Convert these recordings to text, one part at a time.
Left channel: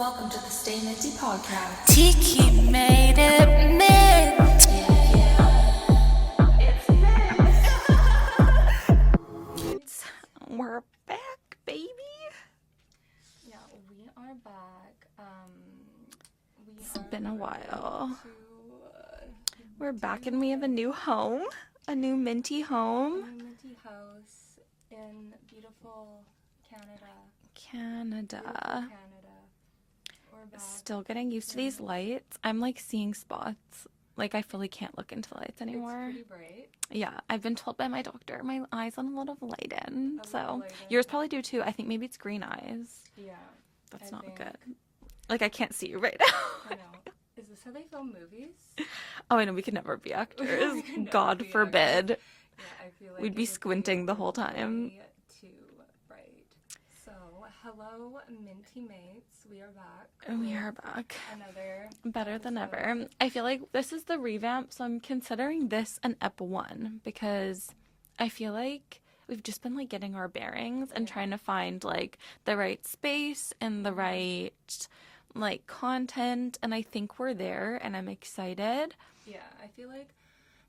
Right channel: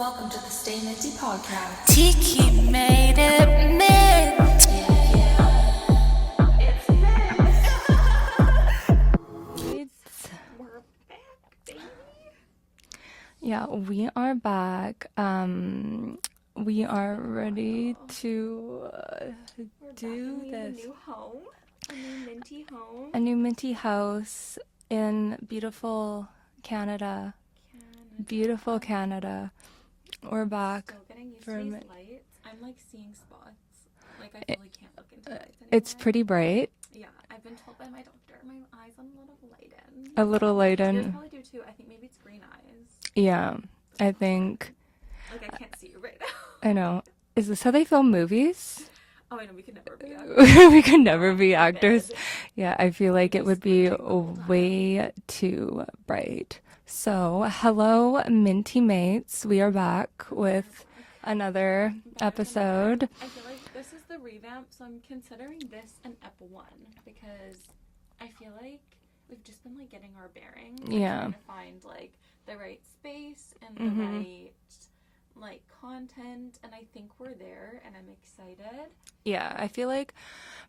Welcome to the Stay Minty podcast. Tiki made it mint. We're back, baby. Yeah, we are back. We are ready while. to We're back and we have a new home, a new minty home. a new minty house in beautiful Canada. Beautiful Canada. We're back. Still getting used to for a these minute. lights. I'm like seeing spots. Like I fully can't look into lights anymore. It's pretty bright. Yeah, I've been told by my doctor my eyes on a little light in. A little light in. Yours probably do too. I think maybe it's green eyes. Yeah, That's I not think. good. Like I can't see you right now. I know. Is this how they film movies? Oh, I know we could never be actors. We could never God be actors. forbid. Yeah, I feel like We'd it be would be squinting the whole time. way too bright. So, hello, Minty Mates. We are back with We're back. another Better than ever. episode. I feel like this is the revamp, so I'm considering this an Ep 1 because I feel like we've just been like getting our bearings and Yeah. trying to find like the right space and the right like content, and I think we're there and I'm excited. Yeah, I feel like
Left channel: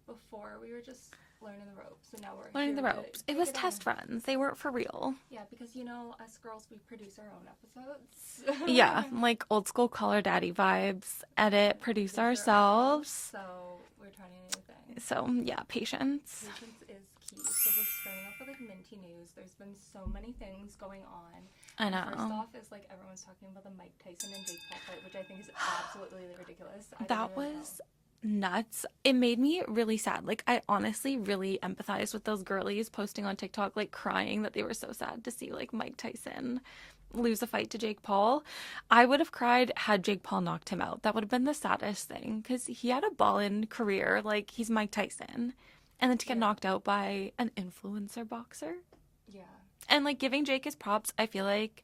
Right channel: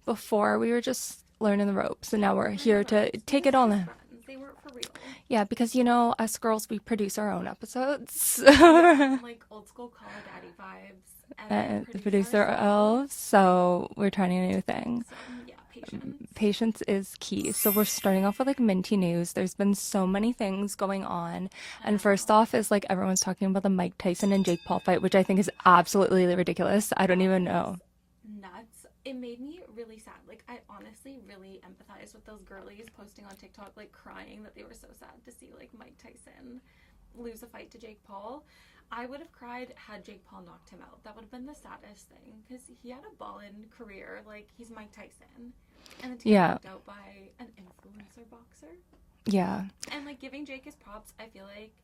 before we were just learning the ropes, and now we're Learn here the to ropes. take was it all test in. friends. They weren't for real. Yeah, because us girls, we produce our own episodes. Yeah, like old school Call Her Daddy vibes. Edit, And produce ourselves. ourselves. So we're trying a new thing. So yeah, patience. Patience is key. So we're starting off with like minty news. There's been so many things going on. I And first know. off is like everyone's talking about the Mike Tyson and Jake Paul fight, which I think is absolutely ridiculous. I don't That even was know. Nuts. It made me really sad. Like I honestly really empathized with those girlies posting on TikTok like crying that they were so sad to see like Mike Tyson lose a fight to Jake Paul. I would have cried had Jake Paul knocked him out. That would have been the saddest thing because he had a ballin' career. Like he's Mike Tyson, and then to get Yeah. knocked out by an influencer boxer. Yeah. And like giving Jake his props, I feel like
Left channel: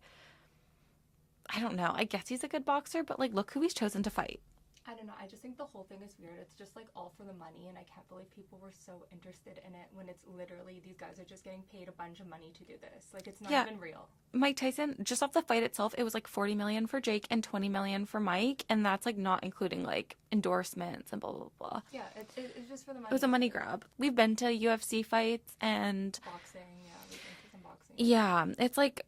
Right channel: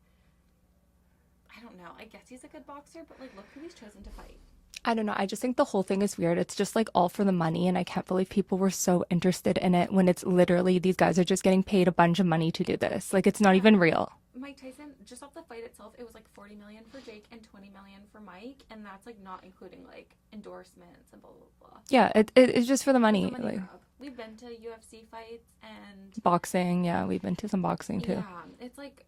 I don't know. I guess he's a good boxer, but like look who he's chosen to fight. I don't know. I just think the whole thing is weird. It's just like all for the money. And I can't believe people were so interested in it when it's literally these guys are just getting paid a bunch of money to do this. Like it's not Yeah. even real. Mike Tyson, just off the fight itself, it was like 40 million for Jake and 20 million for Mike, and that's like not including like endorsements and blah blah blah. Yeah. It's just for the It money. was a money like, grab. We've been to UFC fights, and Boxing. Yeah. We've been to some boxing too. yeah, it's like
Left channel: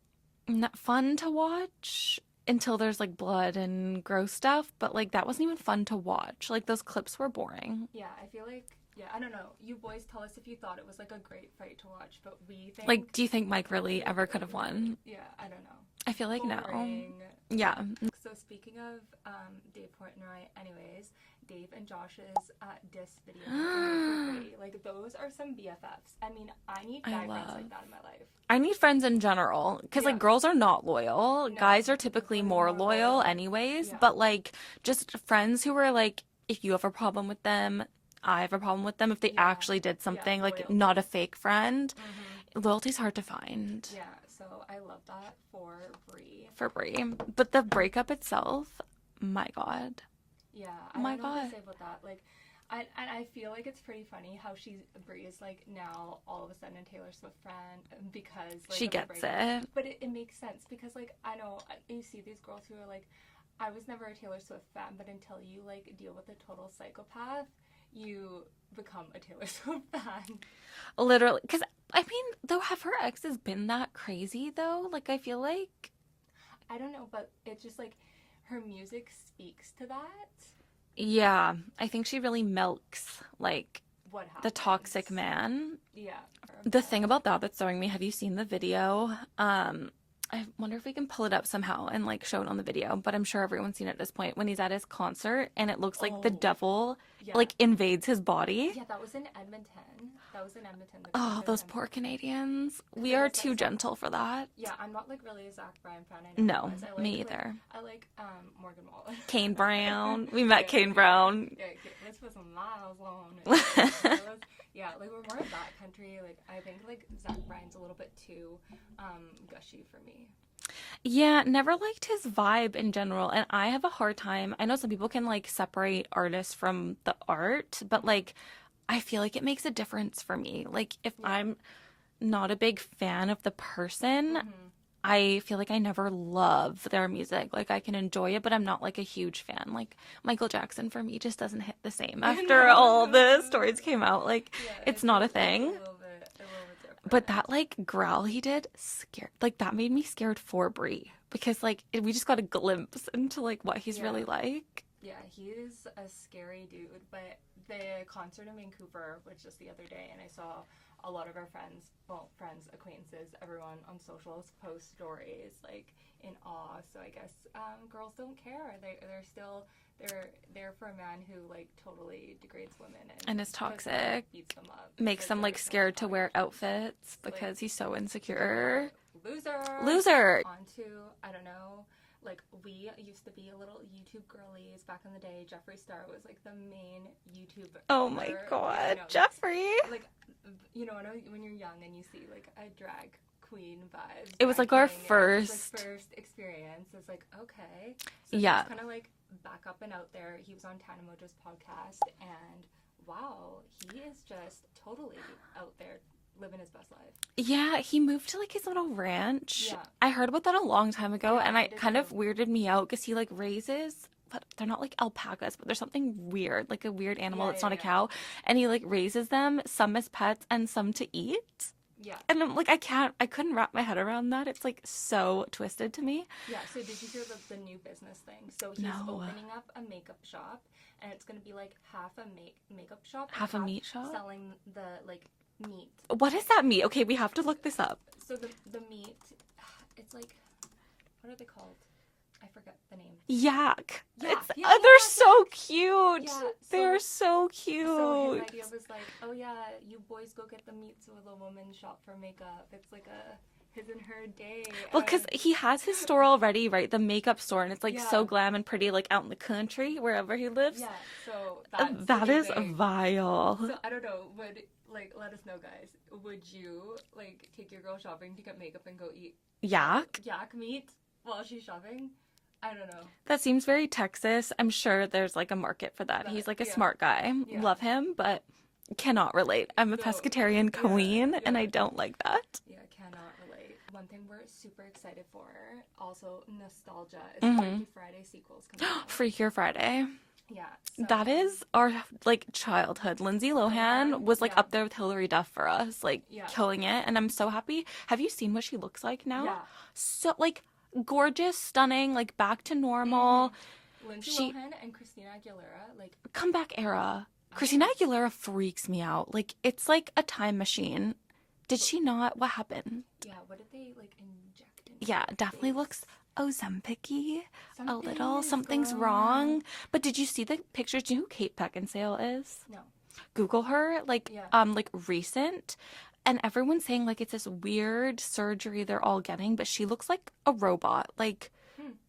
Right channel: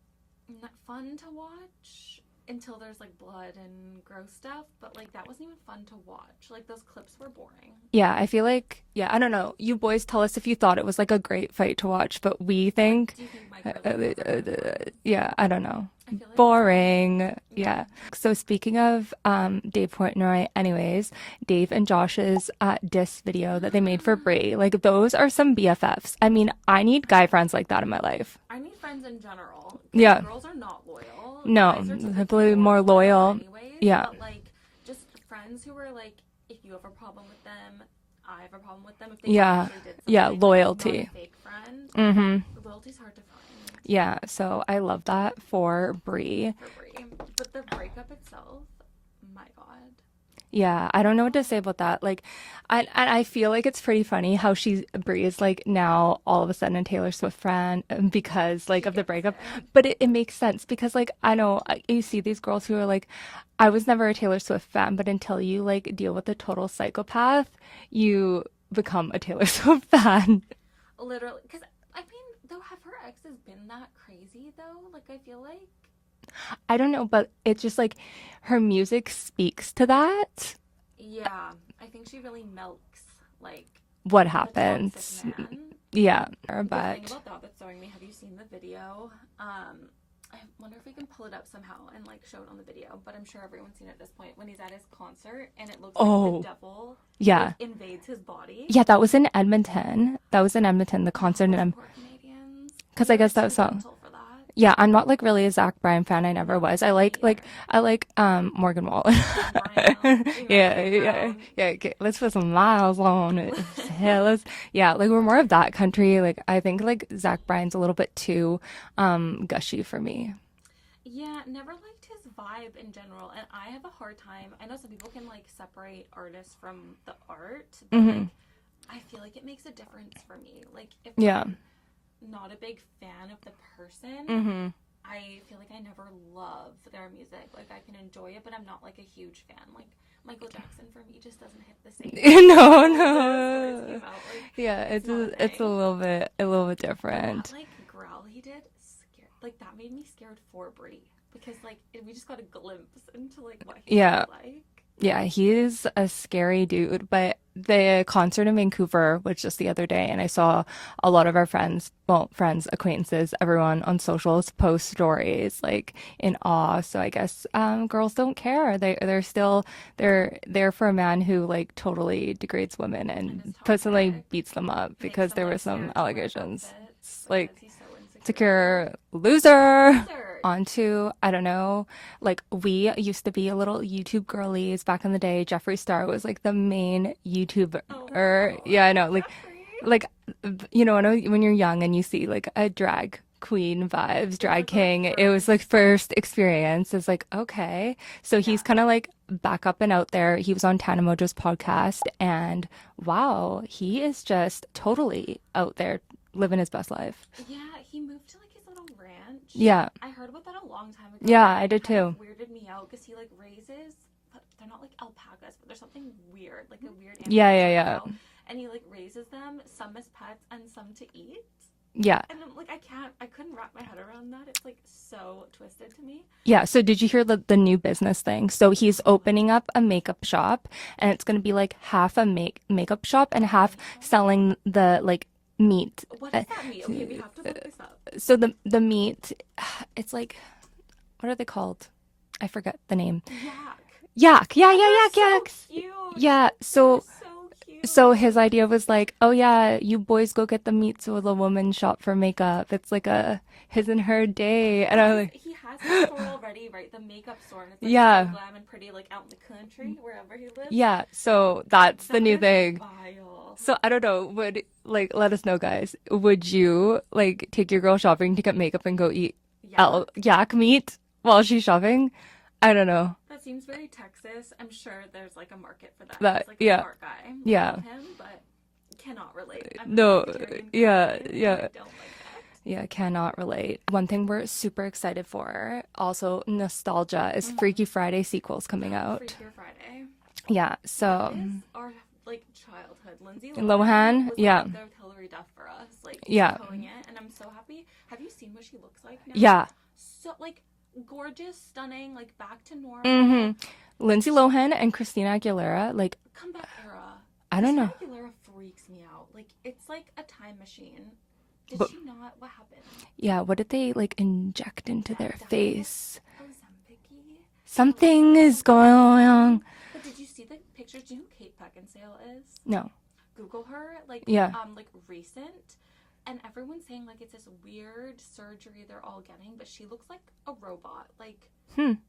not fun to watch until there's like blood and gross stuff, but like that wasn't even fun to watch. Like those clips were boring. Yeah, I feel like, I don't know. You boys tell us if you thought it was like a great fight to watch, but we think. Like, do you think Mike really ever could have won? Yeah, I don't know. I feel like no. Boring. Yeah. So speaking of Dave Portnoy, anyways, Dave and Josh's diss video that they made for Brie, like those are some BFFs. I mean, I need guy friends like that in my life. I need friends in general because Yeah. girls are not loyal. No, Guys are typically more loyal anyways. Yeah. But like just friends who are like, if you have a problem with them, I have a problem with them. If they Yeah. actually did something, Yeah, like, loyalty. not a fake friend. Mm-hmm. Loyalty's hard to find Yeah, so I love that for Brie. for Brie. But the breakup itself, my God. Yeah, I don't know what to God. say about that. Like, I feel like it's pretty funny how Brie is like now all of a sudden a Taylor Swift fan because like She of the gets breakup. it. But it makes sense because like I know you see these girls who are like, I was never a Taylor Swift fan, but until you like deal with a total psychopath, you become a Taylor Swift fan. Literally. Because, I mean, though, have her exes been that crazy, though? Like, I feel like... I don't know, but it's just like her music speaks to that. Yeah, I think she really milks, like, What the happens? toxic man. Yeah. The thing about that that's throwing me, have you seen the video? I wonder if we can pull it up somehow and like show it on the video, but I'm sure everyone's seen it at this point when he's at his concert and it looks like the Oh, devil yeah. like invades his body. Yeah, that was in Edmonton. The concert those in poor Canadians. 'Cause We I guess are that's too not- gentle for that. Yeah, I'm not like really a Zach Bryan fan. I never No, was. I me like either. Morgan Wallen. Kane Brown. We met Kane Brown. Yeah, okay, let's put some miles on it. Like we're more of that country. Like I think like Zach Bryan's a little bit too gushy for me. Yeah, never liked his vibe in general. And I have a hard time. I know some people can like separate artists from the art, but like I feel like it makes a difference for me. Like if Yeah. I'm not a big fan of the person, I feel like I never love their music. Like I can enjoy it, but I'm not like a huge fan. Like Michael Jackson for me just doesn't hit the same. No, The stories came out. Like Yeah, it's not a thing. It's a little bit different. But that like growl he did scared. Like that made me scared for Brie because like we just got a glimpse into like what he's really like. Yeah, he's a scary dude. But the concert in Vancouver was just the other day, and I saw a lot of our friends, acquaintances, everyone on socials post stories like in awe. So I guess girls don't care. They're still they're there for a man who like totally degrades women and is puts like toxic, beats them up Makes because them there like were some scared to wear allegations. outfits Like, because he's so insecure. Insecure loser. Loser. Onto, I don't know, like we used to be a little YouTube girlies back in the day. Jeffree Star was like the main YouTuber. Oh my God, yeah, I know. Jeffree. Like, you know, I know when you're young and you see like a drag queen vibes, drag like our king. It was like first- first experience. It's like, okay. So Yeah. he's kind of like back up and out there. He was on Tana Mojo's podcast, and wow, he is just totally out there living his best life. Yeah, he moved to like his little ranch. Yeah. I heard about that a long time ago. Yeah, and I did kind of too. weirded me out because he like raises, but they're not like alpacas, but there's something weird, like a weird animal Yeah, that's yeah, not a yeah. cow, and he like raises them, some as pets and some to eat. Yeah. And I'm like, I couldn't wrap my head around that. It's like so twisted to me. Yeah, so did you hear the new business thing? So he's opening up a makeup shop, and it's going to be like half a makeup shop and Half a half meat shop? selling the like meat. What does that mean? Okay, we have to look this up. So the meat, it's like, what are they called? I forget the name. Yak. Yak. Yeah, And yeah, they're yak, so yak. cute. Yeah, They're so cute. so his idea was like, oh yeah, you boys go get the meat so the woman shop for makeup. It's like a his and her day. And I was Because like, he has his store already, right? The makeup store, and it's like Yeah. so glam and pretty, like out in the country, wherever he lives. yeah, so that's the That new is thing. vile. So I don't know, would like let us know, guys. Would you like take your girl shopping to get makeup and go eat yak meat while she's shopping? I don't know. That seems very Texas. I'm sure there's like a market for that. That- He's like a yeah. smart guy. Yeah. Love him, but cannot relate. I'm a No, pescatarian yeah, queen, yeah. and I don't like that. Yeah, cannot relate. One thing we're super excited for, also nostalgia, is Freaky Friday sequels coming out. Freakier Friday. Yeah, so That is our like childhood. Lindsay Lohan, Lohan, was like yeah. up there with Hilary Duff for us, like Yeah. killing it, and I'm so happy. Have you seen what she looks like now? yeah. So like gorgeous, stunning, like back to normal, Mhm. Lindsay Lohan and Christina Aguilera, like comeback era. I don't Christina know. Aguilera freaks me out. Like it's like a time machine. Did she not? What happened? Yeah, what did they like inject into Yeah, their definitely face? looks Ozempic-y. Something a little. is Something's going wrong. on. But did you see the pictures? Do you know who Kate Beckinsale is? No. Google her, like Yeah. like recent, and everyone's saying like it's this weird surgery they're all getting, but she looks like a robot, like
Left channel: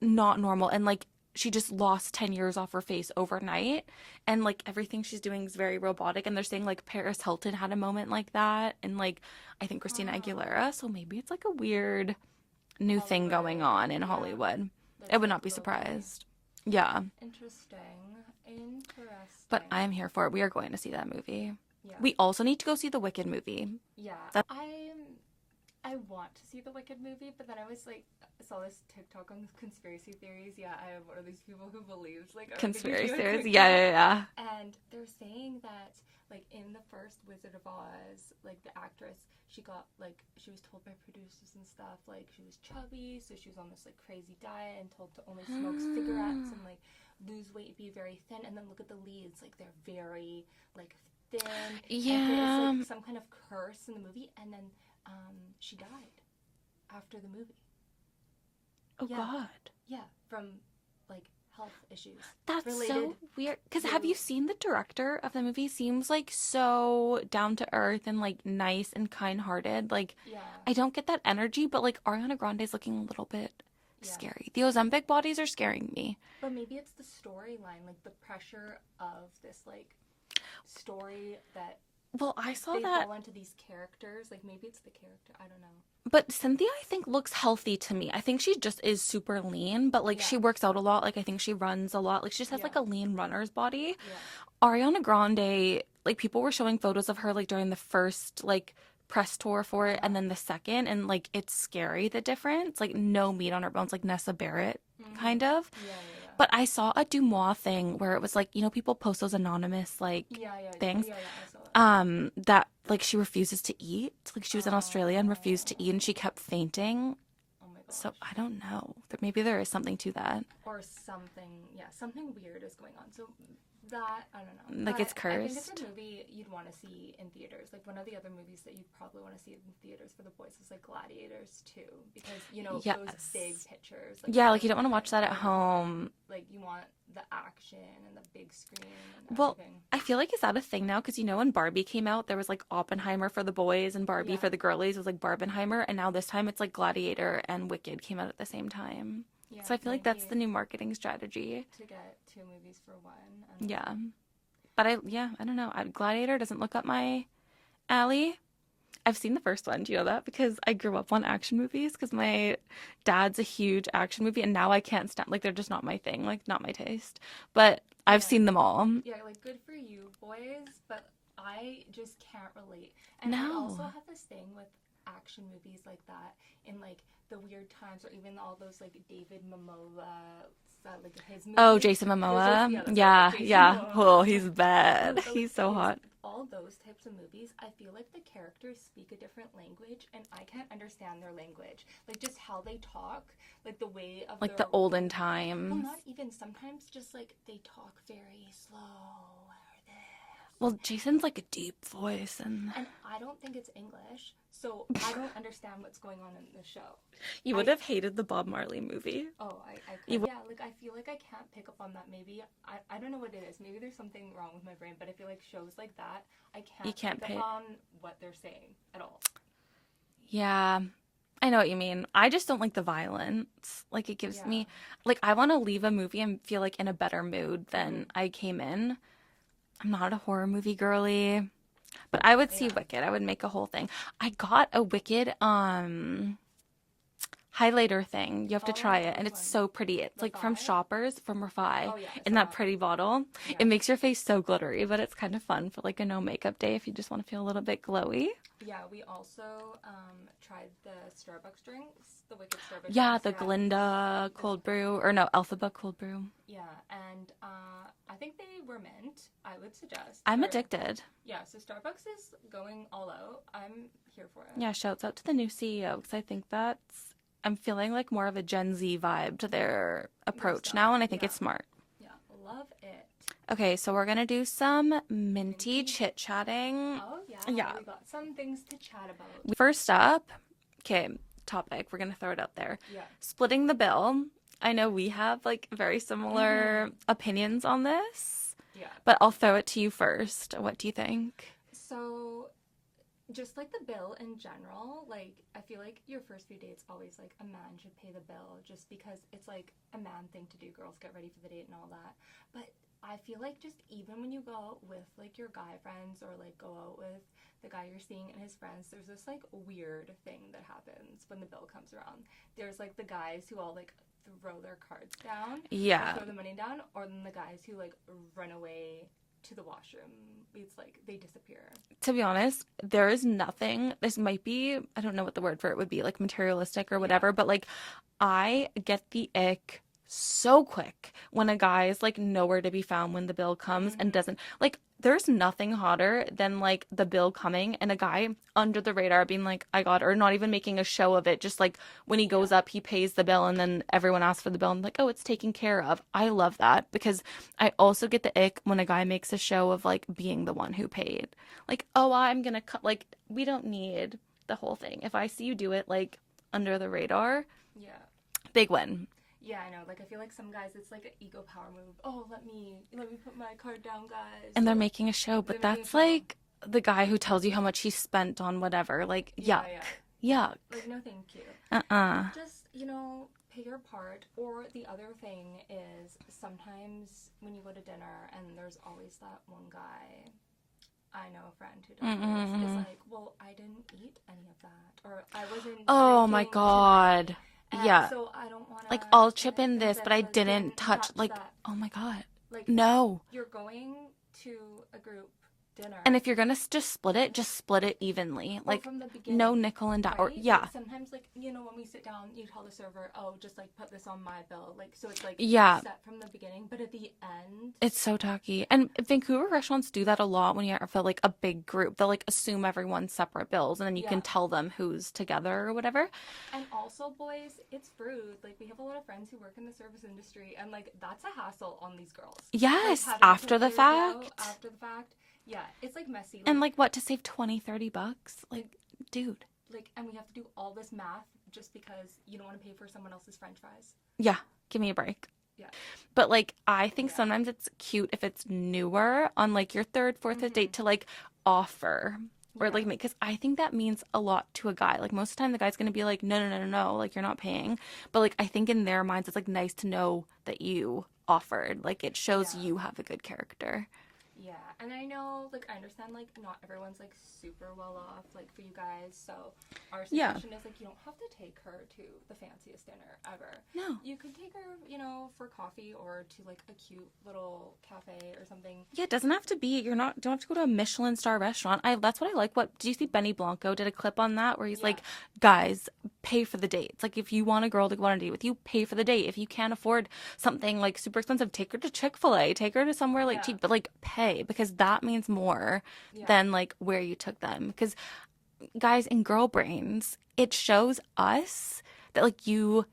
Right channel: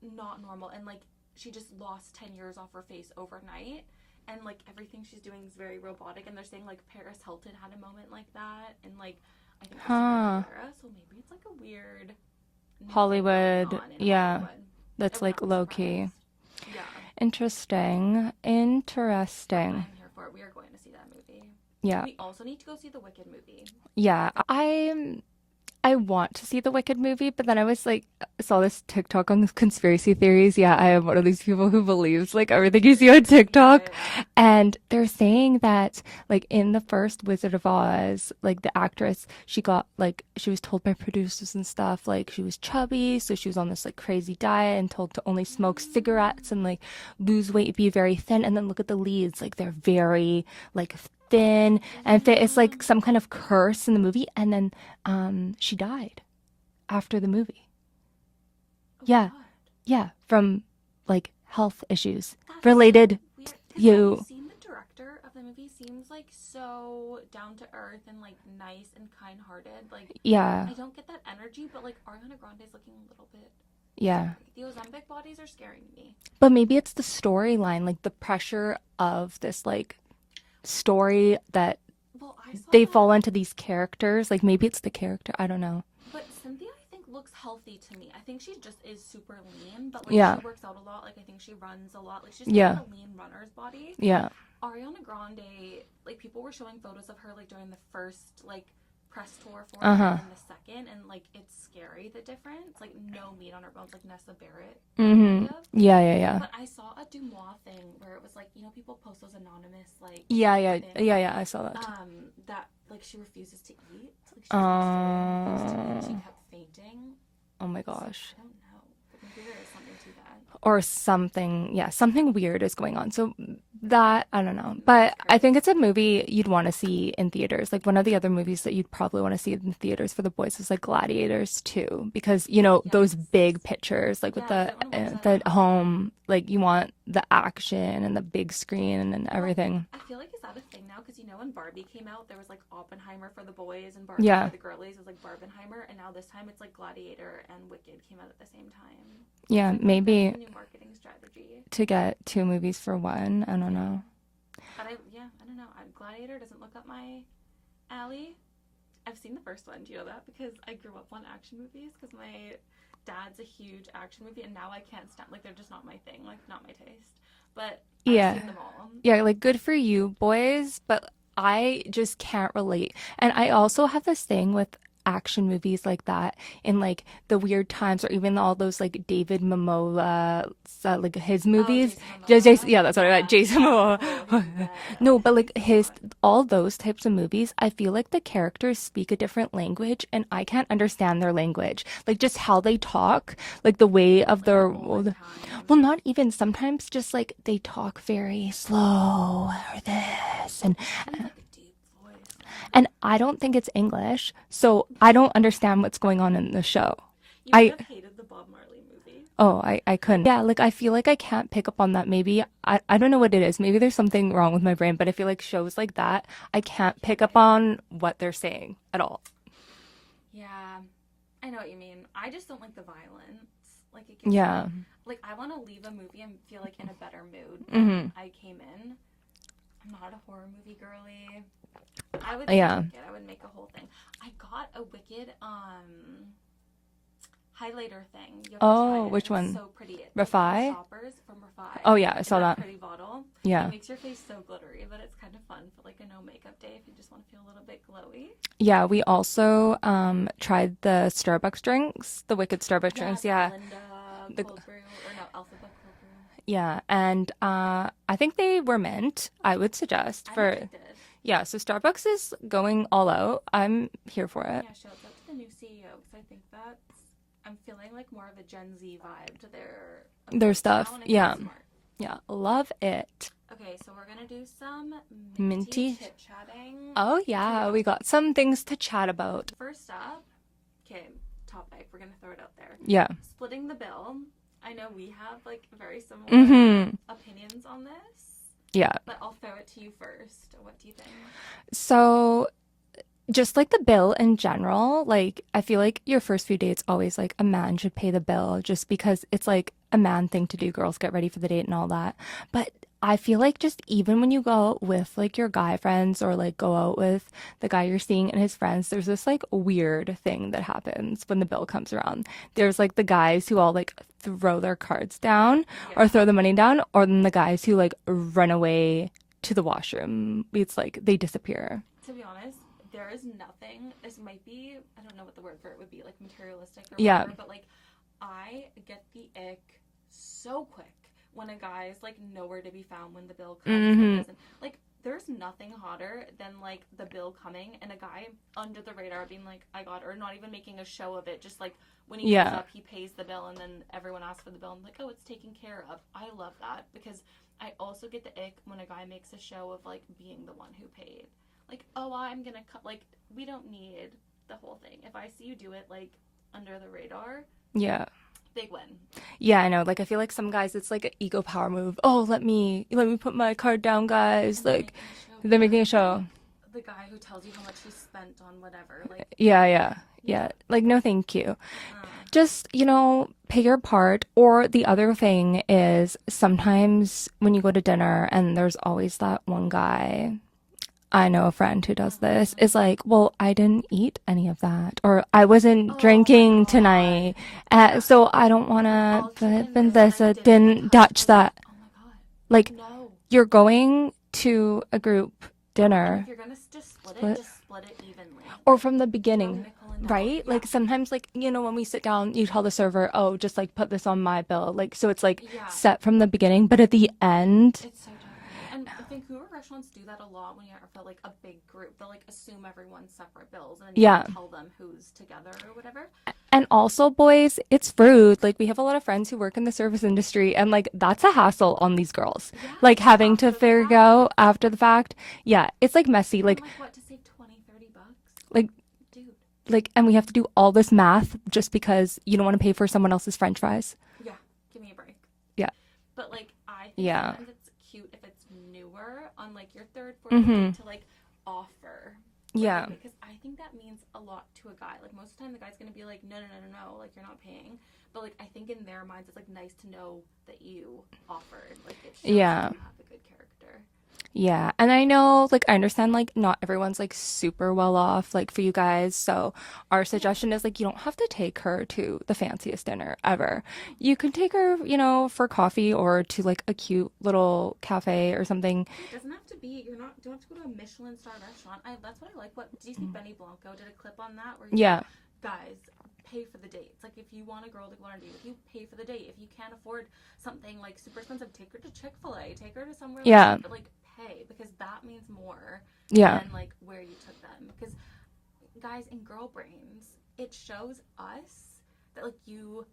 not normal, and like she just lost 10 years off her face overnight, and like everything she's doing is very robotic, and they're saying like Paris Hilton had a moment like that, and like I think Christina Aguilera, so maybe it's like a weird new thing going Hollywood, on in yeah. Hollywood. That's I would like not be low key. surprised. Yeah, Interesting. Interesting. but I'm here for it. We are going to see that movie. Yeah. We also need to go see the Wicked movie. Yeah. I want to see the Wicked movie, but then I was like saw this TikTok on conspiracy theories. Yeah, I am one of these people who believes like everything you see on Conspiracy theories. TikTok. Yeah. And they're saying that like in the first Wizard of Oz, like the actress, she got like she was told by producers and stuff like she was chubby, so she was on this like crazy diet and told to only smoke cigarettes and like lose weight, be very thin. And then look at the leads, like they're very like thin and fit. It's like some kind of curse in the movie, and then she died after the movie. Oh, Yeah. God. Yeah, from like health issues That's related. so weird. Because have you you. seen the director of the movie? Seems like so down to earth and like nice and kind hearted. Like Yeah, I don't get that energy, but like Ariana Grande's looking a little bit yeah. scary. The Ozempic bodies are scaring me. But maybe it's the storyline, like the pressure of this like story that Well, I saw they that, fall into these characters. Like maybe it's the character. I don't know. but Cynthia I think looks healthy to me. I think she just is super lean, but like Yeah. she works out a lot. Like I think she runs a lot. Like she just has Yeah. like a lean runner's body. Yeah. Ariana Grande, like people were showing photos of her like during the first like press tour for it and then the second, and like it's scary the difference. Like no meat on her bones, like Nessa Barrett kind of. Yeah. But I saw a Dumois thing where it was like, you know, people post those anonymous like Yeah. things. Yeah, I saw that. That like she refuses to eat. Like she was in Australia and refused to eat, and she kept fainting. Oh my gosh. So I don't know. Maybe there is something to that. Or something, yeah, something weird is going on. So that, I don't know. Like But it's I think it's a cursed. movie you'd want to see in theaters. Like one of the other movies that you'd probably want to see in theaters for the boys is like Gladiators too, because you know those Yes. big pictures, like Yeah, with like you don't want to watch that the at home. like you want the action and the big screen and Well, everything. I feel like is that a thing now? Because you know when Barbie came out, there was like Oppenheimer for the boys and Barbie Yeah. for the girlies. It was like Barbenheimer, and now this time it's like Gladiator and Wicked came out at the same time. So Yeah, I feel like maybe that's the new marketing strategy. to get two movies for one. I don't Yeah, know. but I don't know. Gladiator doesn't look up my alley. I've seen the first one. Do you know that? Because I grew up on action movies because my dad's a huge action movie, and now I can't stand, like, they're just not my thing, like, not my taste. But I've Yeah. seen them all. Yeah, like good for you, boys, but I just can't relate. And I also No. have this thing with action movies like that in like the weird times, or even all those like David Momoa, like his Oh, movies. Jason Yeah, that's what I meant. Jason Momoa. Oh, he's bad. No, but He's like so hot. all those types of movies, I feel like the characters speak a different language and I can't understand their language. Like just how they talk, like the way of Like their the olden times. well, not even sometimes just like they talk very slow or this. Well, Jason's like a deep voice. And I don't think it's English, so I don't understand what's going on in the show. You would I have hated the Bob Marley movie. I couldn't. Yeah, like I feel like I can't pick up on that. Maybe I don't know what it is. Maybe there's something wrong with my brain, but I feel like shows like that, I can't can't pick up pick. on what they're saying at all. Yeah, I know what you mean. I just don't like the violence. Like it gives Yeah. me, like I want to leave a movie and feel like in a better mood than I came in. I'm not a horror movie girly, but I would see Yeah. Wicked. I would make a whole thing. I got a Wicked highlighter thing. You have to try Oh, it, which and one? it's so pretty. It's like from Refi? Shoppers, from Refi. Oh, yeah, I in saw that that. pretty bottle. Yeah. It makes your face so glittery, but it's kind of fun for like a no makeup day if you just want to feel a little bit glowy. Yeah, we also tried the Starbucks drinks, the Wicked Starbucks Yeah, drinks. the Glinda cold brew, or no, Alphaba cold brew. Yeah, and I think they were mint. I would suggest I'm for addicted. yeah. So Starbucks is going all out. I'm here for it. Yeah, shouts out to the new CEO because I think I'm feeling like more of a Gen Z vibe to their approach stuff, now, and I think yeah. it's smart. Yeah, love it. Okay, so we're gonna do some minty Minty? chit chatting. Oh yeah, Yeah. we got some things to chat about. First up, okay, topic. We're gonna throw it out there. Yeah. Splitting the bill. I know we have like very similar Mhm. opinions on this, Yeah. but I'll throw it to you first. What do you think? So just like the bill in general, like I feel like your first few dates always like a man should pay the bill just because it's like a man thing to do. Girls get ready for the date and all that. But I feel like just even when you go out with like your guy friends or like go out with the guy you're seeing and his friends, there's this like weird thing that happens when the bill comes around. There's like the guys who all like throw their cards down Yeah. or throw the money down, or then the guys who like run away to the washroom. It's like they disappear. To be honest, there is nothing. This might be, I don't know what the word for it would be, like materialistic or Yeah. whatever, but like I get the ick so quick when a guy is like nowhere to be found when the bill comes and doesn't, like, there's nothing hotter than like the bill coming and a guy under the radar being like, I got it, or not even making a show of it. Just like when he goes Yeah. up, he pays the bill and then everyone asks for the bill and like, oh, it's taken care of. I love that because I also get the ick when a guy makes a show of like being the one who paid. Like, oh, I'm gonna cut. Like, we don't need the whole thing. If I see you do it like under the radar, Yeah. big win. Yeah, I know. Like I feel like some guys it's like an ego power move. Oh, let me put my card down, guys. And like, they're making a show. But they're making a that's show. like the guy who tells you how much he spent on whatever. Like, yeah. Yeah. Like no thank you. uh-uh. Just, pay your part. Or the other thing is sometimes when you go to dinner and there's always that one guy, I know a friend who does this, is like, well, I didn't eat any of that. Or I wasn't Oh my drinking God. tonight. Yeah. So I don't want to Like, I'll chip in this, but I didn't touch touch like, that. Oh my God. Like, No. you're going to a group dinner. And if you're gonna just split it, just split it evenly. Or Like, from the beginning. no nickel and dime. Right? Yeah. Like sometimes like, you know, when we sit down, you tell the server, oh, just like put this on my bill. Like, so it's like set from the beginning, but at the end. It's so tacky. And Vancouver restaurants do that a lot when you have like a big group. They'll like assume everyone's separate bills and then you can tell them who's together or whatever. And also, boys, it's rude. Like we have a lot of friends who work in the service industry and like that's a hassle on these girls. Yes. Like having to figure out after the fact. Yeah. It's like messy. Like, and like what, to save $20-$30? Like, dude. Like, and we have to do all this math just because you don't want to pay for someone else's French fries. Yeah. Give me a break. Yeah. But like, I think sometimes it's cute if it's newer on like your third, fourth date to like offer. Or like me, because I think that means a lot to a guy. Like most of the time the guy's gonna be like, no, like you're not paying. But like I think in their minds it's like nice to know that you offered. Like it shows you have a good character. Yeah, and I know, like, I understand, like, not everyone's, like, super well off, like, for you guys, so our suggestion is, like, you don't have to take her to the fanciest dinner ever. No. You could take her, you know, for coffee or to, like, a cute little cafe or something. Yeah, it doesn't have to be, don't have to go to a Michelin star restaurant. That's what I like. Do you see Benny Blanco did a clip on that where he's like, guys, pay for the dates. Like, if you want a girl to go on a date with you, pay for the date. If you can't afford something, like, super expensive, take her to Chick-fil-A, take her to somewhere, like, cheap, but, like, pay, because that means more than, like, where you took them. Because, guys, in girl brains, it shows us that, like, you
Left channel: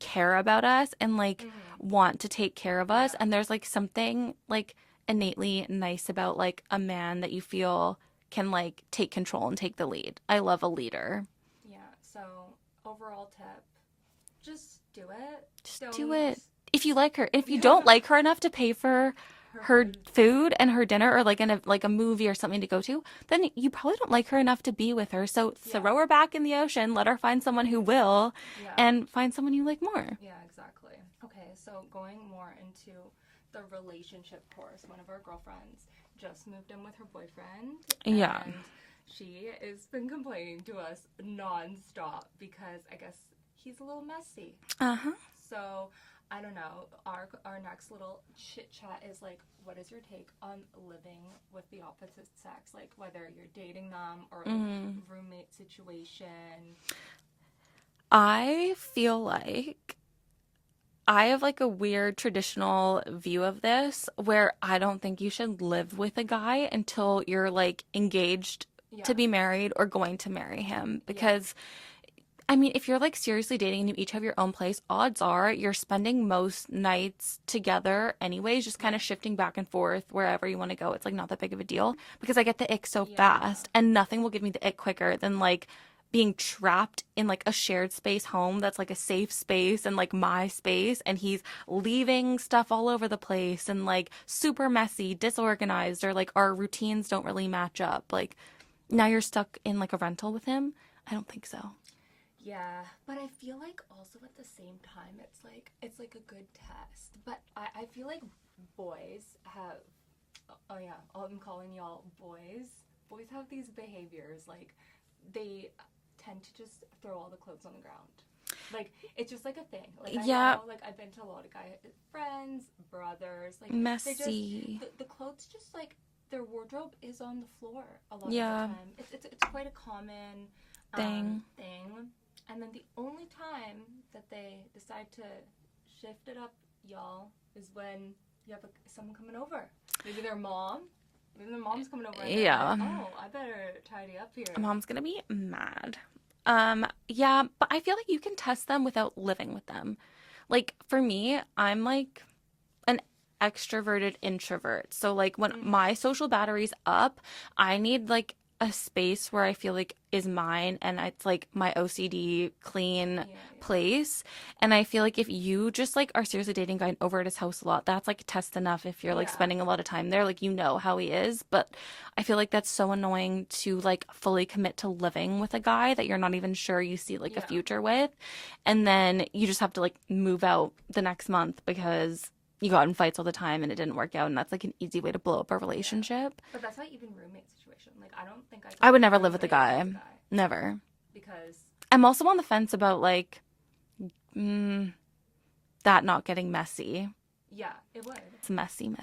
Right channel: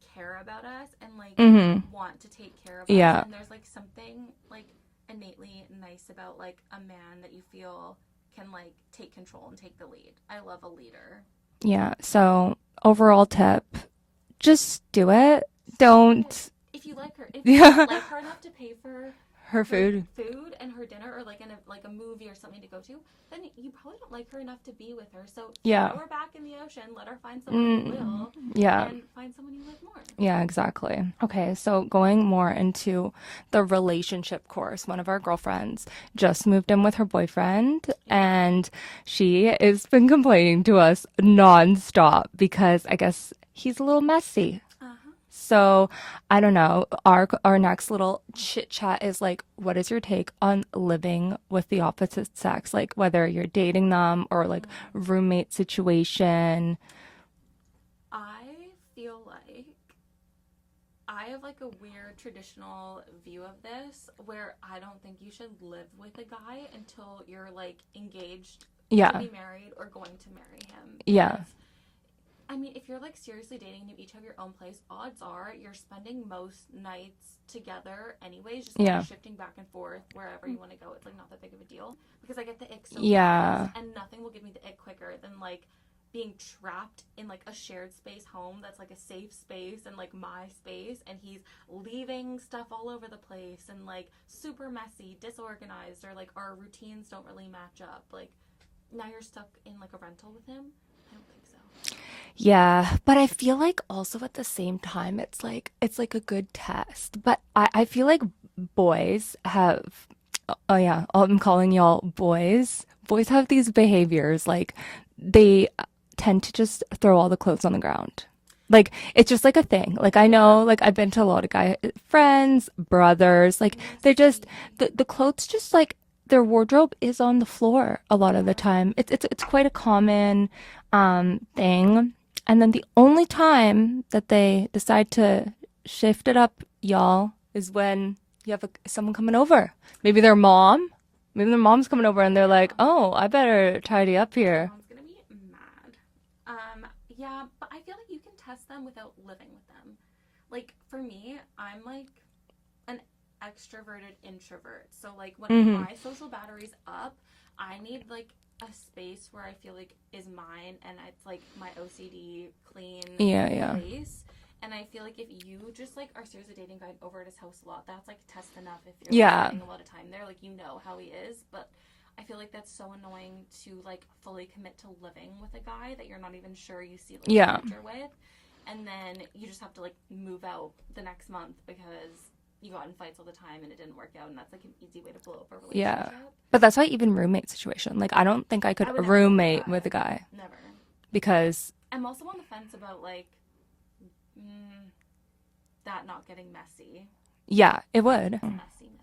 care about us and, like, want to take care of us. And there's, like, something, like, innately nice about, like, a man that you feel can, like, take control and take the lead. I love a leader. Yeah, so overall tip, just do it. Do it. If you like her. If you don't like her enough to pay for her food and her dinner, or like in a movie or something to go to, then you probably don't like her enough to be with her. So throw her back in the ocean, let her find someone who will, and find someone you like more. Yeah, exactly. Okay, so going more into the relationship course, one of our girlfriends just moved in with her boyfriend, and she has been complaining to us nonstop because I guess he's a little messy. So I don't know. Our next little chit chat is like, what is your take on living with the opposite sex? Like whether you're dating them or like roommate situation. I feel like I have like a weird traditional view of this where I don't think you should live with a guy until you're like engaged to be married or going to marry him. Because I mean, if you're like seriously dating and you each have your own place, odds are you're spending most nights together anyways, just kind of shifting back and forth wherever you want to go. It's like not that big of a deal because I get the ick so fast, and nothing will give me the ick quicker than like being trapped in like a shared space home that's like a safe space and like my space, and he's leaving stuff all over the place and like super messy, disorganized, or like our routines don't really match up. Like now you're stuck in like a rental with him. I don't think so. Yeah, but I feel like also at the same time, it's like a good test. But I feel like boys have, oh yeah, I'm calling y'all boys. Boys have these behaviors, like they tend to just throw all the clothes on the ground. Like it's just like a thing. Like I know, like I've been to a lot of guy friends, brothers, like they're just, the clothes just like, their wardrobe is on the floor a lot of the time. It's quite a common thing. And then the only time that they decide to shift it up, y'all, is when you have someone coming over. Maybe their mom's coming over and they're like, oh, I better tidy up here. Mom's going to be mad. Yeah, but I feel like you can test them without living with them. Like for me, I'm like an extroverted introvert. So like when my social battery's up, I need like a space where I feel like is mine, and it's like my OCD clean place. And I feel like if you just like are seriously dating a guy over at his house a lot, that's like test enough. If you're like spending a lot of time there, like you know how he is. But I feel like that's so annoying to like fully commit to living with a guy that you're not even sure you see like a future with, and then you just have to like move out the next month because you got in fights all the time and it didn't work out, and that's like an easy way to blow up a relationship. Yeah. But that's why even roommate situation. Like I don't think I would never roommate with a guy. Never. Because I'm also on the fence about like that not getting messy. Yeah, it would. It's messy.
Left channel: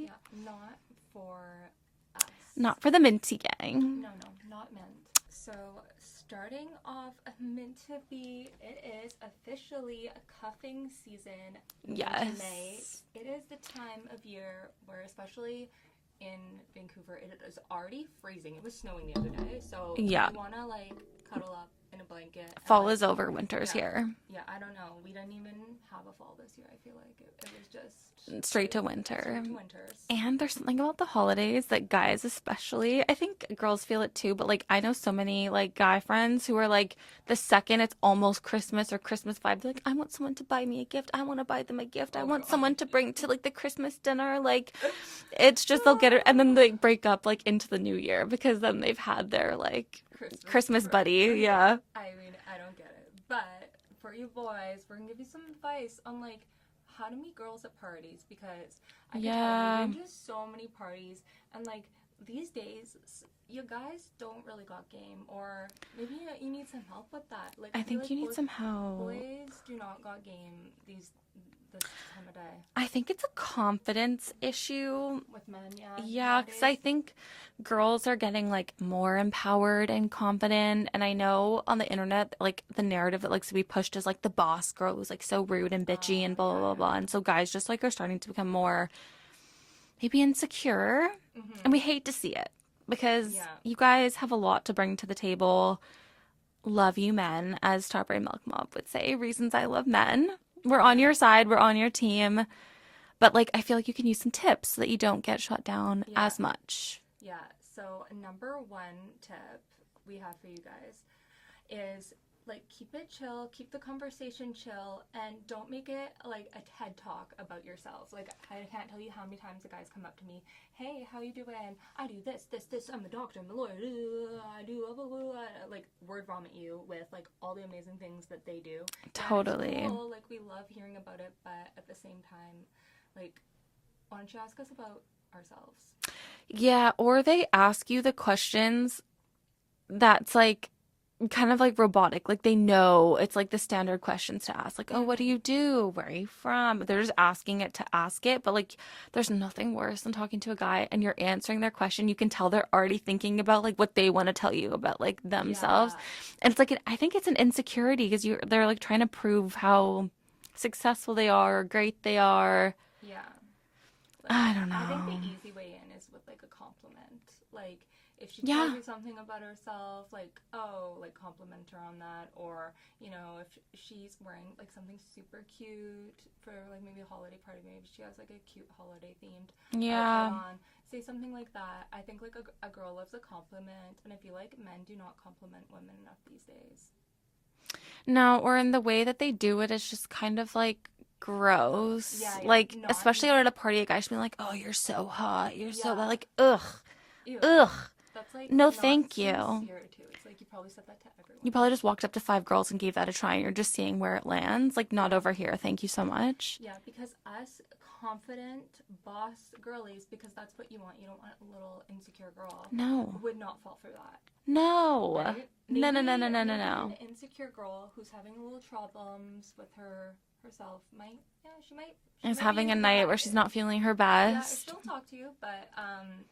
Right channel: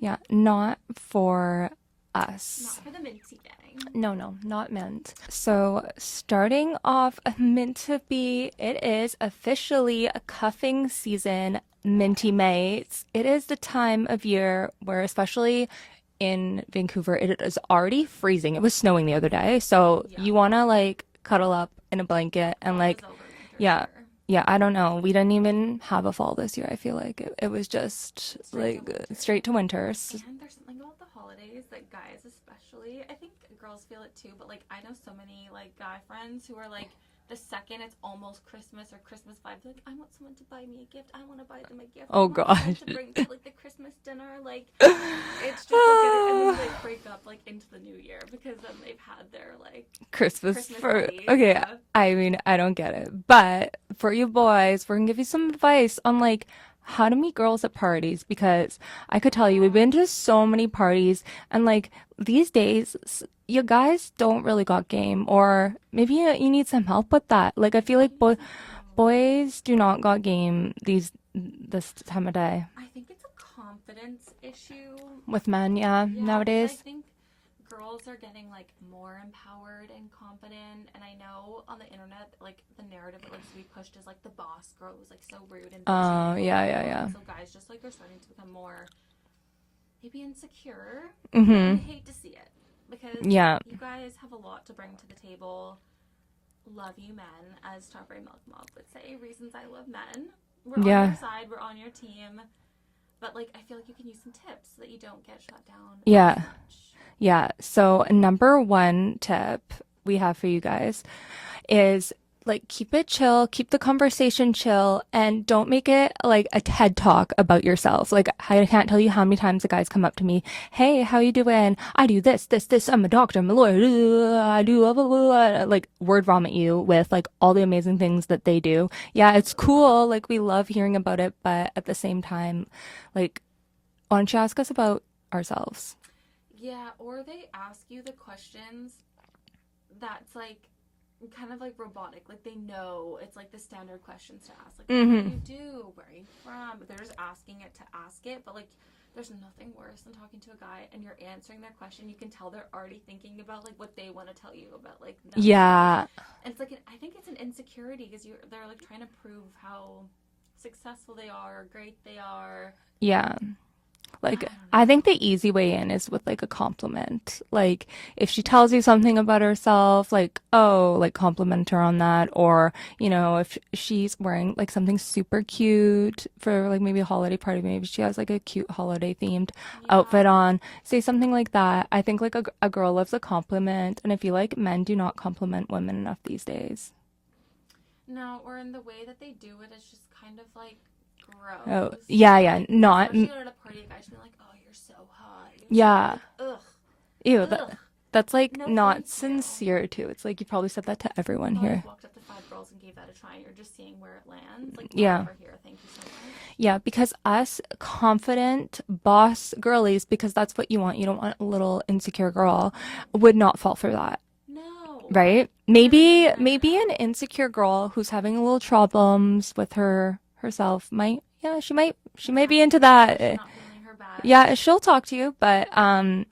Yeah, not for us. Not for the Minty gang. No, not mint. So starting off mint to be, it is officially a cuffing season, Minty mates. It is the time of year where, especially in Vancouver, it is already freezing. It was snowing the other day, so you want to like cuddle up in a blanket and Fall like is over, winter's yeah, here. yeah. I don't know. We didn't even have a fall this year. I feel like it was just Straight to winter. Straight to winters. And there's something about the holidays that guys especially, I think girls feel it too, but like I know so many like guy friends who are like the second it's almost Christmas or Christmas vibe, they're like, I want someone to buy me a gift. I want to buy them a gift. I want someone to bring to like the Christmas dinner. Like it's just they'll get it and then they break up like into the new year because then they've had their like Christmas buddy. Okay. Yeah. I mean, I don't get it. But for you boys, we're gonna give you some advice on like how to meet girls at parties, because I could tell you we've been to so many parties and like these days you guys don't really got game, or maybe you need some help with that. Like I feel like boys do not got game this time of day. I think it's a confidence issue With men, nowadays. I think girls are getting like more empowered and confident, and I know on the internet like the narrative that likes to be pushed is like the boss girl who's like so rude and bitchy and blah, blah, blah. And so guys just like are starting to become more maybe insecure, and we hate to see it because you guys have a lot to bring to the table. Love you men, as Strawberry Milk Mob would say. Reasons I love men. We're on your side, we're on your team, but like I feel like you can use some tips so that you don't get shut down as much. Yeah. So number one tip we have for you guys is like keep it chill, keep the conversation chill, and don't make it like a TED talk about yourself. Like I can't tell you how many times the guys come up to me, hey, how you doing? I do this. I'm a doctor, I'm a lawyer. I do blah, blah, blah. Like word vomit you with like all the amazing things that they do. Yeah, it's cool. Like we love hearing about it, but at the same time, like why don't you ask us about ourselves? Yeah, or they ask you the questions that's like kind of like robotic. Like they know it's like the standard questions to ask. Like, oh, what do you do? Where are you from? They're just asking it to ask it. But like there's nothing worse than talking to a guy and you're answering their question. You can tell they're already thinking about like what they want to tell you about like themselves. Yeah. And it's like I think it's an insecurity because they're like trying to prove how successful they are or great they are. Yeah. Like, I think the easy way in is with like a compliment. Like if she tells you something about herself, like, oh, like compliment her on that. Or, you know, if she's wearing like something super cute for like maybe a holiday party, maybe she has like a cute holiday themed outfit on, say something like that. I think like a girl loves a compliment. And I feel like men do not compliment women enough these days. No, or in the way that they do it, it's just kind of like gross. Yeah. Like, not especially at a party, a guy should be like, "Oh, you're so hot." You're so like, ugh, ew, ugh. That's like no, not thank you. sincere too. It's like you probably said that to everyone. You probably just walked up to 5 girls and gave that a try, and you're just seeing where it lands. Like, not over here. Thank you so much. Yeah, because us confident boss girlies, because that's what you want. You don't want a little insecure girl. Would not fall for that. No. Right? Maybe an insecure girl who's having a little problems with herself might she might be into that. Where she's not feeling her best. Yeah, she'll talk to you, but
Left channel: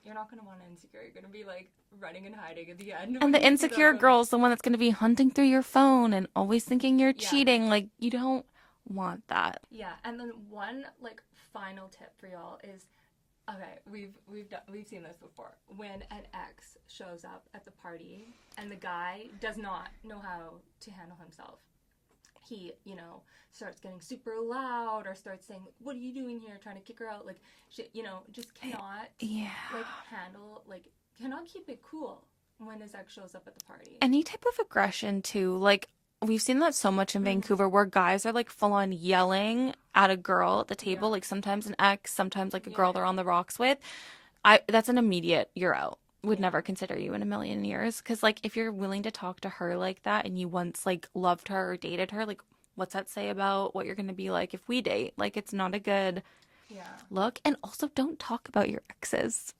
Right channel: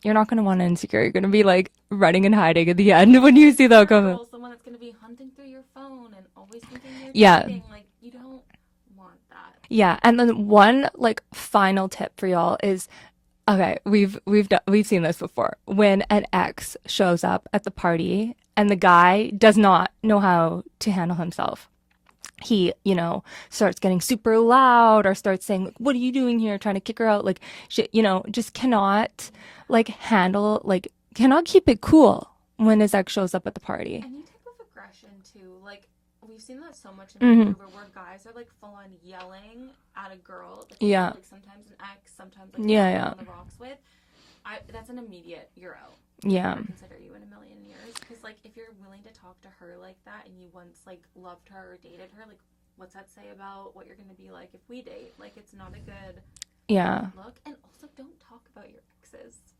you're not gonna want an insecure. You're gonna be like running and hiding at the end when you see that girl's the one that's gonna be hunting through your phone and always thinking you're cheating. Like you don't want that. Yeah, and then one like final tip for y'all is, okay, we've seen this before. When an ex shows up at the party and the guy does not know how to handle himself, he, you know, starts getting super loud or starts saying, like, what are you doing here? Trying to kick her out. Like, you know, just cannot like handle, like cannot keep it cool when his ex shows up at the party. Any type of aggression too. Like we've seen that so much in Vancouver where guys are like full on yelling at a girl at the table. Like sometimes an ex, sometimes like the girl we're on the rocks with. That's an immediate you're out. Would never consider you in a million years. Because like if you're willing to talk to her like that and you once like loved her or dated her, like what's that say about what you're going to be like if we date? Like it's not a good look. And also don't talk about your exes.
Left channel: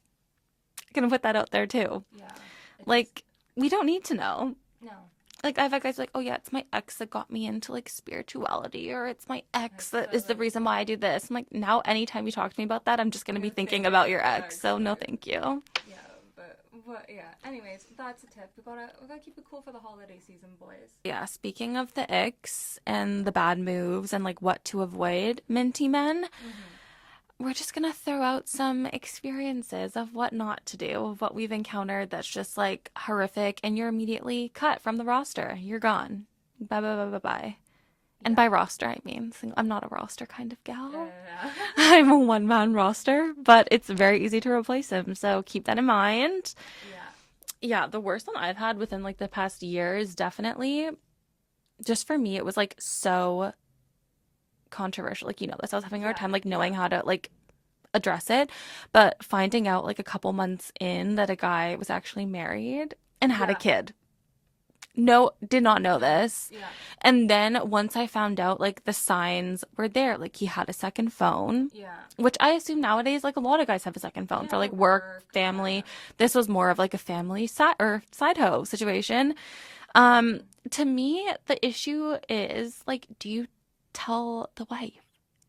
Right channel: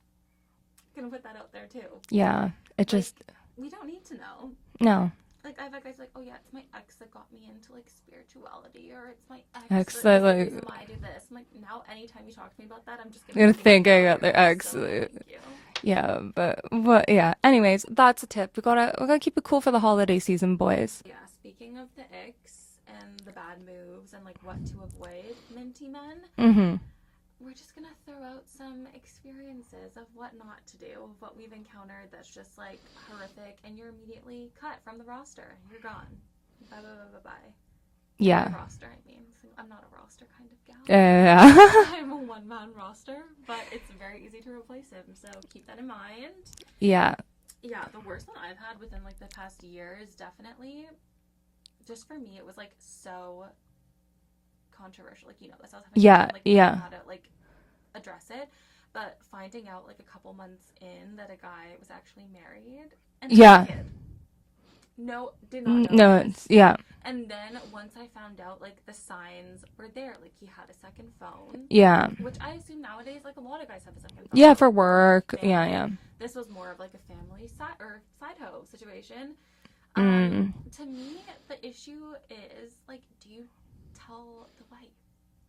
I'm going to put that out there too. Yeah. Like we don't need to know. No. like I've had guys like, oh yeah, it's my ex that got me into like spirituality, or it's my ex Ex that that, is the like- reason why I do this. I'm like, now anytime you talk to me about that, I'm just gonna You're be thinking about your thinking ex. of So the no, ex. thank you. Yeah, but yeah. Anyways, that's a tip. We gotta keep it cool for the holiday season, boys. Yeah, speaking of the icks and the bad moves and like what to avoid, minty men, we're just gonna throw out some experiences of what not to do, of what we've encountered that's just like horrific, and you're immediately cut from the roster. You're gone. Bye bye bye bye bye. And Yeah. by roster, I mean I'm not a roster kind of gal. Yeah. I'm a one-man roster, but it's very easy to replace him, so keep that in mind. Yeah. Yeah, the worst one I've had within like the past year is definitely, just for me, it was like so controversial. Like, you know this, I was having a hard time like knowing how to like address it, but finding out like a couple months in that a guy was actually married and had a kid. No, did not know this. Yeah. And then once I found out, like the signs were there, like he had a second phone. Yeah. Which I assume nowadays, like a lot of guys have a second phone. Yeah, for for like, work. family. Yeah. This was more of like a family side hoe situation. To me, the issue is like, do you tell the wife?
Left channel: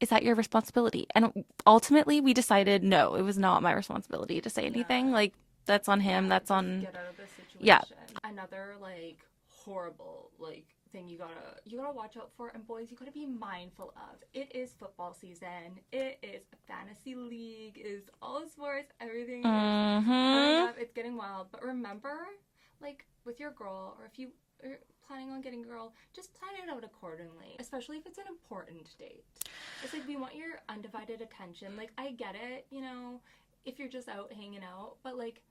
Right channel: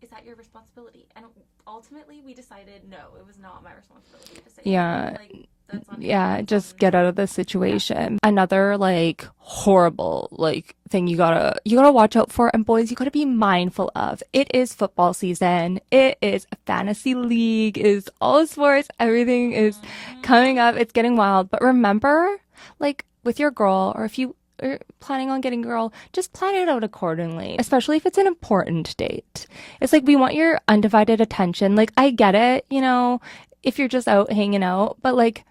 Is that your responsibility? And ultimately, we decided no, it was not my responsibility to say anything. Like, that's on him. Yeah, that's just on... get out of the situation. Another like horrible like thing you gotta watch out for, and boys, you gotta be mindful of. It is football season. It is a fantasy league. It is all sports. Everything is coming up. It's getting wild. But remember, like with your girl, or if you are planning on getting a girl, just plan it out accordingly, especially if it's an important date. It's like, we want your undivided attention. Like, I get it, you know, if you're just out hanging out, but like,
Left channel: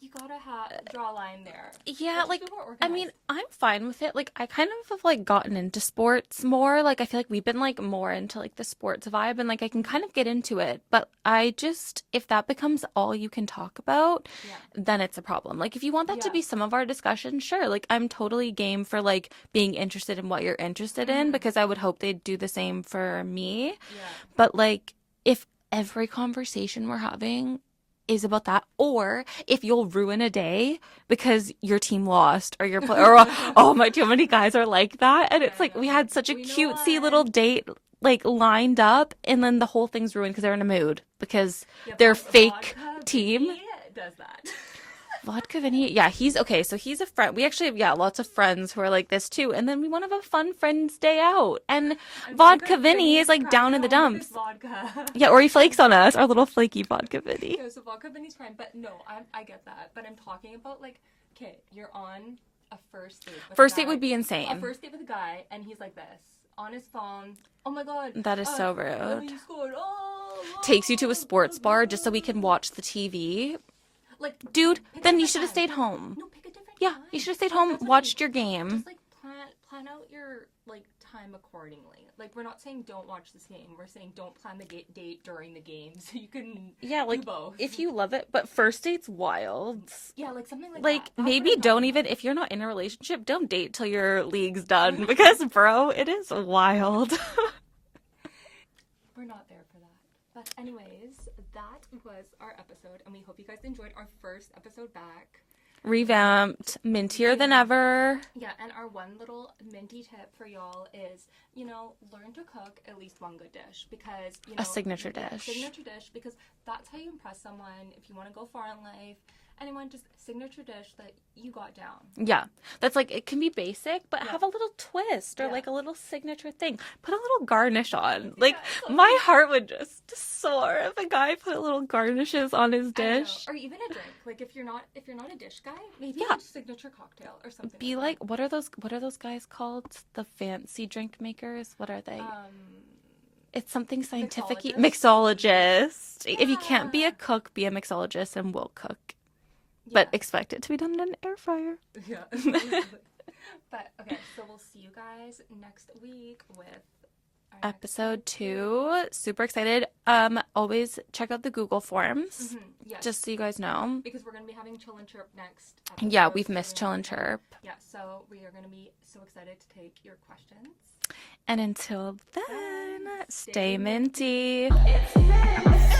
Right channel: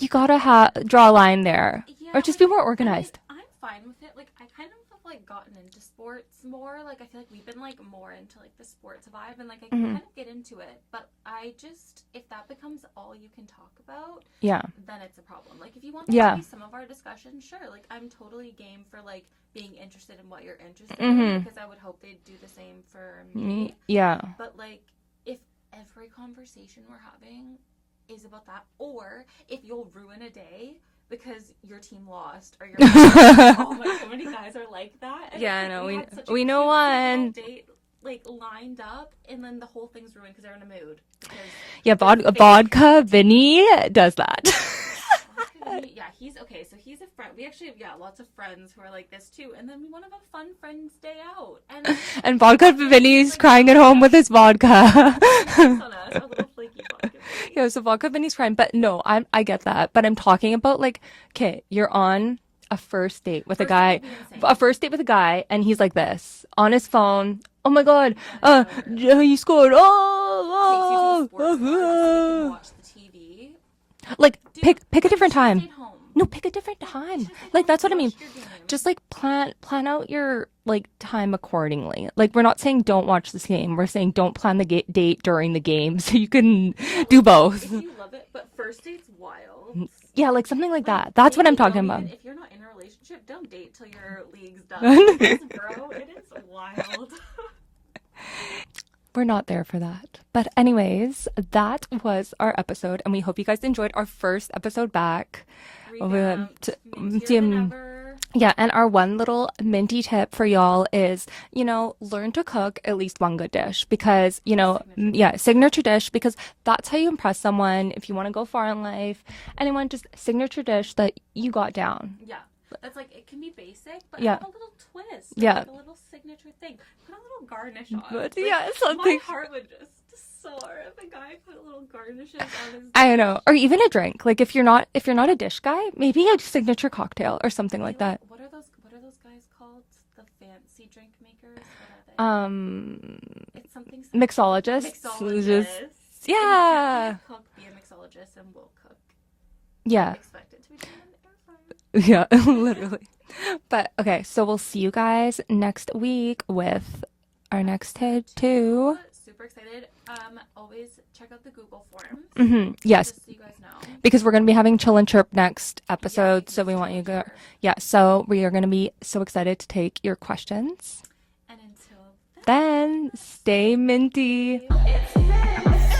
you gotta draw a line there. Yeah, or just like, be more organized. I mean, I'm fine with it. Like, I kind of have like gotten into sports more. Like, I feel like we've been like more into like the sports vibe, and like I can kind of get into it. But I just, if that becomes all you can talk about, Yeah. then it's a problem. Like, if you want that to be some of our discussion, sure. Like, I'm totally game for like being interested in what you're interested in, because I would hope they'd do the same for me. Yeah. But like, if every conversation we're having is about that, or if you'll ruin a day because your team lost, or your oh my, too many guys are like that, and it's like we had such a cutesy little date like lined up, and then the whole thing's ruined because they're in a mood, because Vodka Vinny does that. Vodka Vinny, yeah, he's okay. So he's a friend. We actually have lots of friends who are like this too. And then we want to have a fun friends day out. And Vodka Vinny's like crying at home with his vodka. Yeah, or he flakes on us. Our little flaky Vodka Vinny. Yeah, so Vodka Vinny's crying. But no, I get that. But I'm talking about like, okay, you're on a first date with a guy. First date would be insane. A first date with a guy, and he's like this on his phone. Oh my god, that is so rude. You scored. Oh, takes you to a sports bar just so we can watch the TV. Like, dude, pick a different time. You should have stayed home. No, pick a different time. You should have stayed like, home. That's what watched I mean. your game. Just like plan out your like time accordingly. Like, we're not saying don't watch this game. We're saying don't plan the date during the game, so you can do both. If you love it, but first date's wild. Yeah, like something like that. That's what I'm talking about. If you're not in a relationship, don't date till your league's done, because bro, it is wild. We're not there for that. But anyways, that was our episode, and we hope you guys enjoyed our first episode back. Revamped, mintier than ever. Yeah, and our one little minty tip for y'all is, you know, learn to cook at least one good dish, because, you know, signature dish, because that's how you impress someone if you want to go far in life. Anyone, just signature dish that you got down. Yeah, that's like, it can be basic, but have a little twist, or like a little signature thing. Put a little garnish on. Like, my heart would just soar if a guy put little garnishes on his dish. I know, or even a drink. Like, if you're not a dish guy, maybe a signature cocktail or something like that. What are those guys called? The fancy drink makers? What are they? It's something scientific. Mixologist. Yeah. If you can't be a cook, be a mixologist, and we'll cook. Yeah. But expect it to be done in an air fryer. Yeah, literally. But okay, so we'll see you guys next week with our next episode 2. Super excited. Always check out the Google Forms. Yes. Just so you guys know. Because we're going to be having Chill and Chirp next episode. Yeah, we've so missed we Chill want you and to. Chirp. Yeah, so we are going to be so excited to take your questions. And until Then stay minty. It's